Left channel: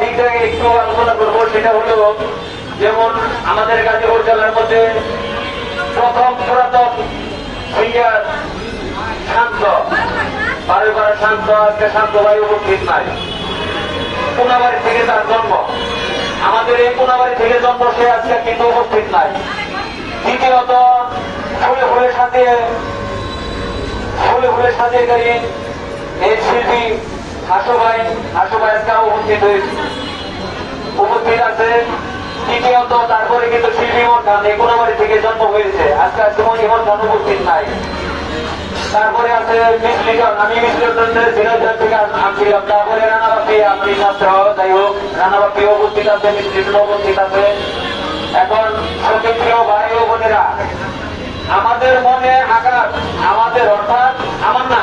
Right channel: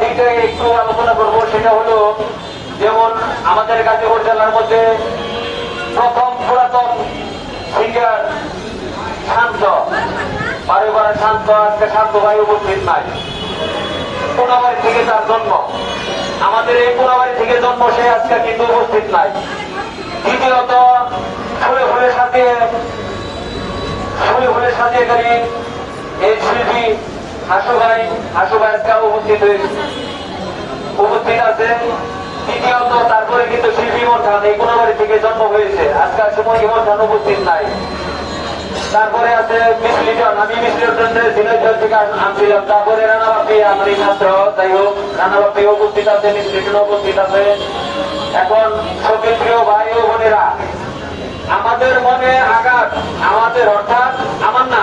দিক থেকে একটু আলোচনা করব, সেটা হলো যেমন আমাদের গাজীপুর জেলার মধ্যে প্রথম পুরাতন সিঙ্গার শান্ত বারে বারে শান্ত, আজকে শান্ত ভাই উপস্থিত নাই। কোনাবাড়ি থেকে তার জন্ম। আমাদের এই কোনাবাড়ি থেকে জন্ম সে আজকে কিন্তু উপস্থিত নাই। দ্বিতীয়ত, ফুলে ফুলের সাথে ফুলে ফুলের সাথে এই শিল্পী উপস্থিত তারপরে কিন্তু শিল্পী ইমন থেকে জন্ম হয়েছে। আজকাল সময় উপস্থিত নাই। তারপরে আছে আমি থেকে তারপরে রানাবাপি ছাত্র, যাই হোক, রানাবাপি উপস্থিত আছে, মিস উপস্থিত আছে। এখন সতীপ্রিয় ভাই ও বোনেরা, আমাদের মনে আঘাত, আমাদের অর্থাৎ আমার না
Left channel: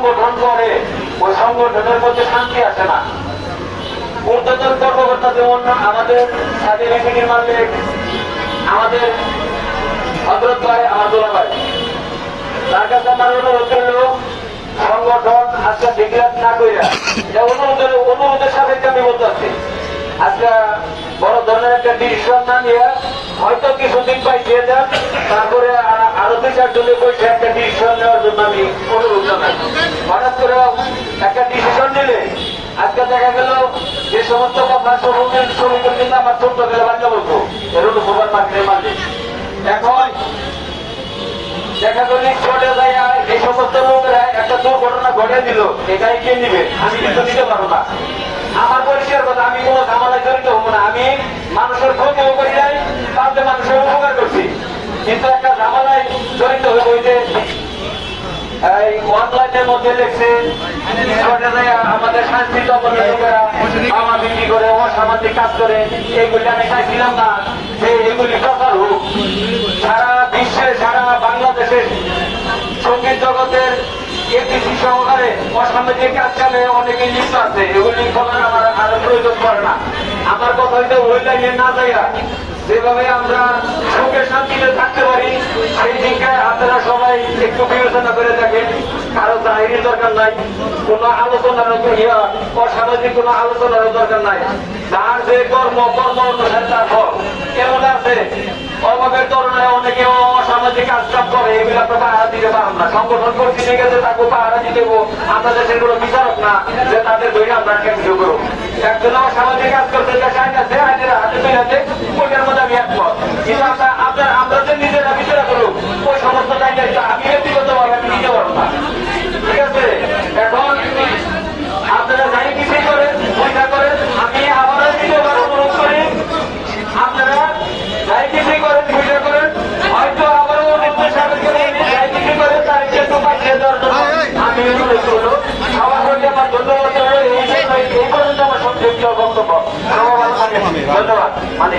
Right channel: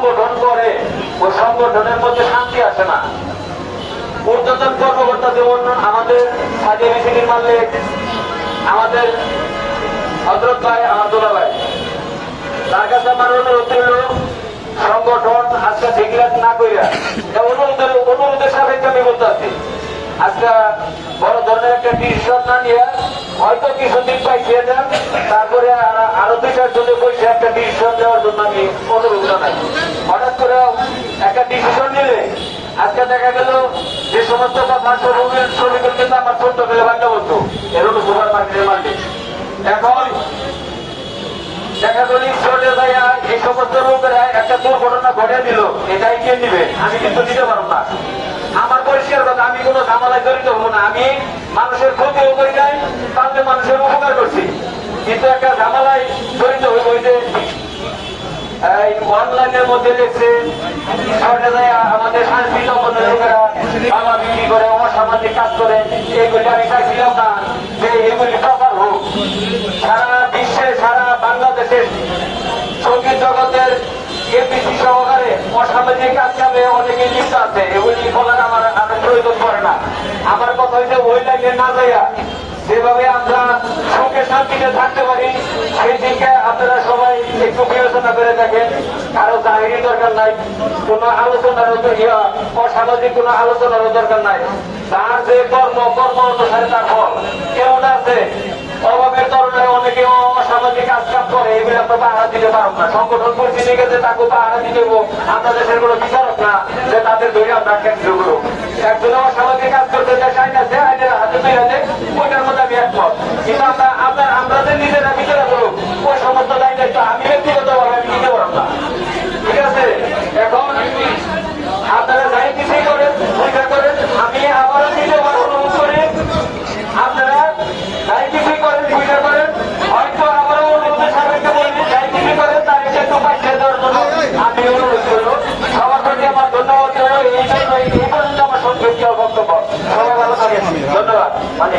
সংগঠন করে, ওই সংগঠনের মধ্যে শান্তি আসে না। ঊর্ধ্বতন কর্মকর্তা যেমন আমাদের সাথে মিটিংয়ের মালিক। আমাদের হজরত ভাই আহমদুল্লাহ ভাই। তার কাছে আমার অনুরোধ সংগঠন আজকে ডিক্লার না কইরা, এটা অনুরোধের অনুরোধের সাপেক্ষে আমি বলতে আছি। আজকে বড় ধরনের একটা ডিসিশন না নিয়ে হয়তো কিছুদিন পাইছে দেন তারপরে আরও দুই চার জনে বসে একটা ডিসিশন নেওয়ার জন্য আমি অনুরোধ জানাই হঠাৎ করে একটা ডিসিশন নিলে আজকে দেখা গেল যে সমস্ত কথা শ্রমিকের শ্রমিকের কিন্তু আমার ছোট্ট গেলে বাচ্চা বলতো এরকম সুপার মার্কেটের মালিক এখন দেখা গেল চলে যায় এই সমস্ত লোকেরা একটা দুর্ঘটনা ঘটে দিল। এটাই কে নিবে? আমি কিন্তু নিতে পারব না। আমার পরিষ্কার কথা, আমি কোনো ঝামেলায় জড়িত হব না। আমি মানুষের ক্ষতিও করি নাই তাতে মানুষের উপকার করছি। কিন্তু একটা ঝামেলায় জড়িত হয়ে বইতে এই অনলাইনের মধ্যে দেখছে আমাদের শান্তি লোকেরা বাবা বিক্রি করে, অসামাজিক কাজ করে, এগুলি আমি চাইছিলাম না যে এগুলি প্রচার হোক। সারা বিশ্বে, সারা বাংলাদেশের সংগীত জগতের এপিসি সহকারে অসামাজিক কাজ কামে অনেকে লিপ্ত আছে। এগুলি বলার আমার আর প্রয়োজন পড়ে না। আমার কথা হইতে ওই লাইনে না যাইয়া যেভাবে আমরা সুখে শান্তিতে থাকতে পারি, সেই দিকে আপনারা সবাই একটু বিবেচনা করে দেখেন। কারও জাহিরির দরকার নাই, কোনো আলোচনার অসামাজিক কোনো আলোচনারও দরকার নাই। তার যে কর্ম কর্ম অনুসারে তার ফল কেমন আছে? অভাবের কারণে অনেকে অসামাজিক কাজকাম করে, এগুলো আমরা পাহারা দিতে পারব না। সংগঠন পরিস্থিতি গেছে তাকে পাহারা দিতে। আমরা দেশের কোনো বিচারক না, যে তাদের ধরে আমরা কেন্দ্র করব। একজন অসামাজিক কাজ করতে যে চাই না, সে আইনের ব্যক্তিগতভাবে আমি নিতে পারব না ঠিক আছে? এখন আপনারা যাই কিছুই করেন, পরীক্ষা করেন, আমি আবারও দ্বিতীয়বার অনুরোধ করি আপনারা যাই কিছুই করেন, পরীক্ষা করেন। হয়তো আবারও নির্দেশ সাহেবকে বলি যাই কিছুই করেন, তার একটু পাঠিয়ে দেওয়ার জন্য আমি অনুরোধ করল সবার প্রতি আমার ধন্যবাদ এই পর্যন্ত আমার সংক্ষিপ্ত বক্তব্য। ধন্যবাদ। মানে